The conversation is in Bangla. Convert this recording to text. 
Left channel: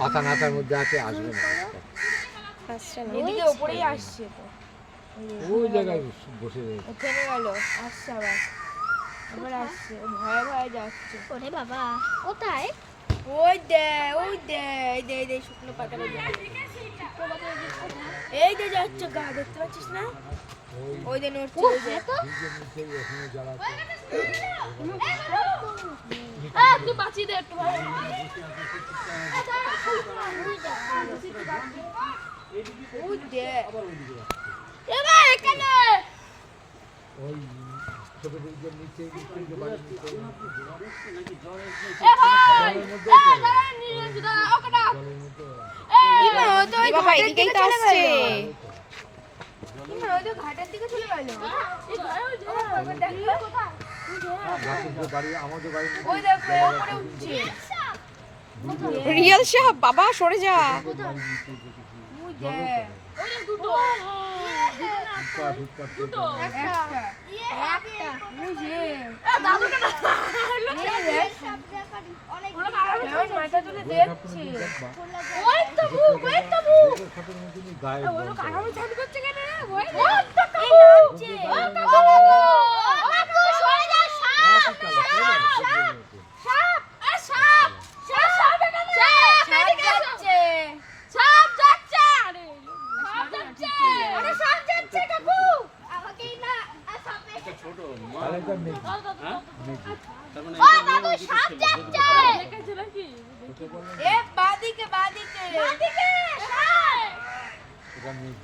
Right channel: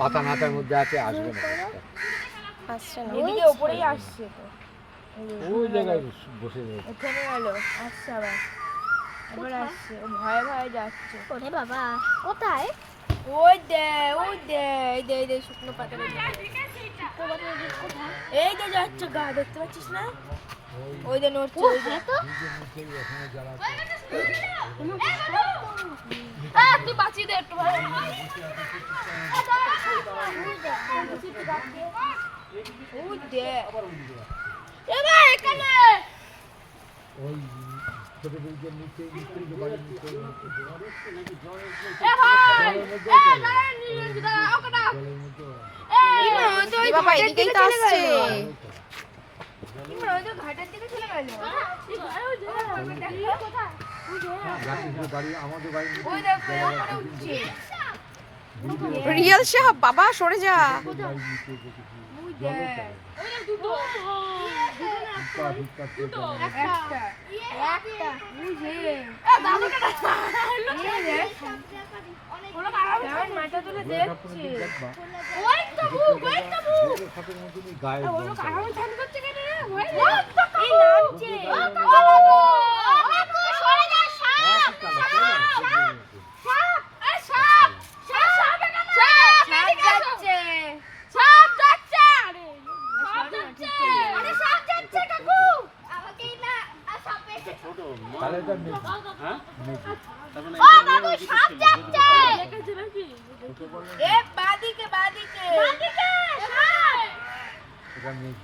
পাতা নাতার মধ্যে আছে, আসবে না। আসছে না, ওইদিকে উপরেই আসছে তো। ওই জায়গায় বসে রয়েছে। থেমে গেল, আসছে আবার, আবার আসছে, ও ভয়ে ভয়ে যাচ্ছে। ওরে বাবা, কোথায়? ওই দে, ওই দে, এই দে, এই দে শুকনো পাতাটা দে। এই দে যাচ্ছে গা, দেখতে পাচ্ছিস না? ওই দে নড়ছে, ওই দে। তুই বাঁচিয়ে দে একটু ভালো। ওই দে। এ ভাই এখানে। ওই ছোট ব্রিজের নিচে বাড়ির নিচে এ ভাই, দাঁড়া নিরঞ্জন দাঁড়া, ওকে ডাক। ইমা ও তো ওই বাবা এদিকেই তো আসছে। ইমা ও তো ঘাটের দিকে চলে গেল। এই ঘরে ওই যে দেখো কোথায়? বাড়ি, আমাদের বাড়ি ওই দেখো উপরে উঠছে। রিয়াল সাহেব, বাবা সরে যা। ওই দে। ওই দেখ দুটো। দুটো না একটা। একটা। ওই যে। দাদুকে না। এই রে। ওরা কারণ মাথা তুলে দেখছে। ওই তো বুক, ওই তো বুক। ওরা কারণ ছাড় করছে কেন রে? ওই তো এই নামছে। ও বাবা গো। সরে যা সাপ। সাপ। এ সাপ। সাপ এখানে। সাপ যাচ্ছে। সাপ যাচ্ছে। আরে সাপ যাচ্ছে। আরে সাপ যাচ্ছে কাকু। আমাকেই না সাপে। ছোট তাহলে তো নেই। ও বাবু সাপ যাচ্ছে। দেখেছিল কি? এ বাদিকে বাদিকে। বাদিকে সাপ। এটা নেই।